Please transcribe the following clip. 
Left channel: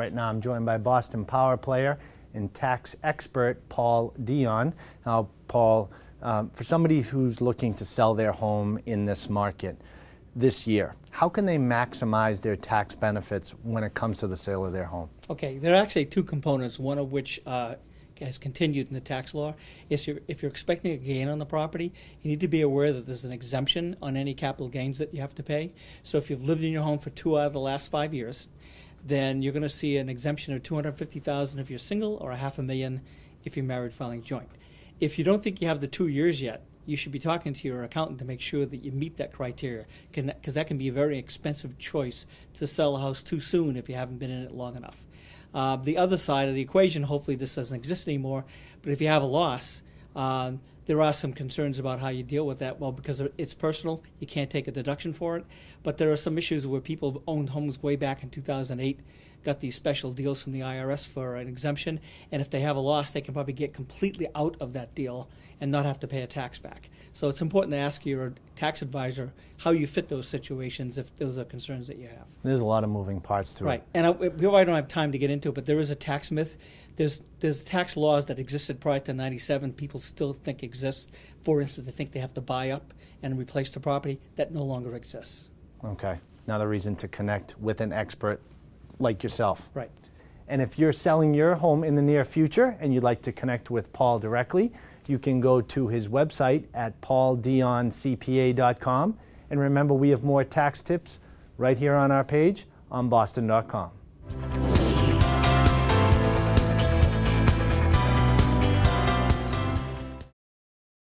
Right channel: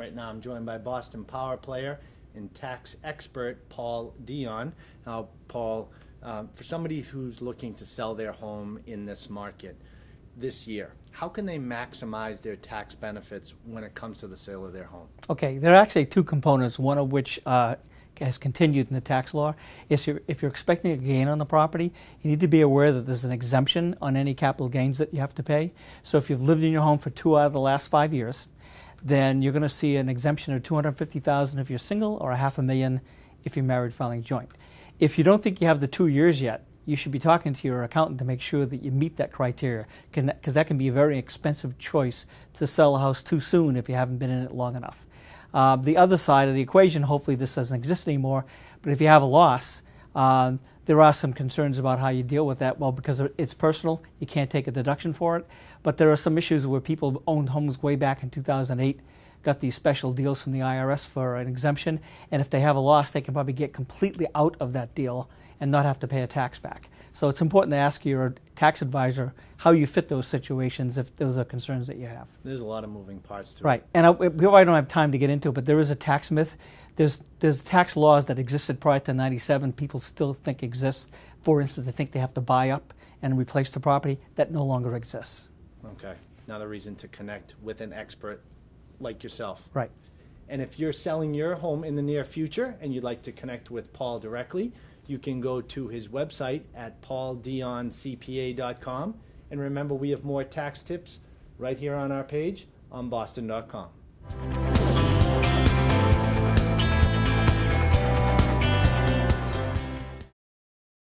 Right now I'm joined by Boston Power player and tax expert Paul Dion. Now, Paul, for somebody who's looking to sell their home in this market this year, how can they maximize their tax benefits when it comes to the sale of their home? Okay, there are actually two components, one of which has continued in the tax law. If you're expecting a gain on the property, you need to be aware that there's an exemption on any capital gains that you have to pay. So if you've lived in your home for 2 out of the last 5 years, then you're going to see an exemption of $250,000 if you're single, or $500,000 if you're married filing joint. If you don't think you have the 2 years yet, you should be talking to your accountant to make sure that you meet that criteria, because that can be a very expensive choice to sell a house too soon if you haven't been in it long enough. The other side of the equation, hopefully this doesn't exist anymore, but if you have a loss, there are some concerns about how you deal with that. Well, because it's personal, you can't take a deduction for it, but there are some issues where people owned homes way back in 2008, got these special deals from the IRS for an exemption, and if they have a loss, they can probably get completely out of that deal and not have to pay a tax back. So it's important to ask your tax advisor how you fit those situations if those are concerns that you have. There's a lot of moving parts to it. Right, and I don't have time to get into it, but there is a tax myth. There's tax laws that existed prior to '97 people still think exist. For instance, they think they have to buy up and replace the property. That no longer exists. Okay, another reason to connect with an expert like yourself. Right. And if you're selling your home in the near future and you'd like to connect with Paul directly, you can go to his website at pauldioncpa.com. And remember, we have more tax tips right here on our page on boston.com.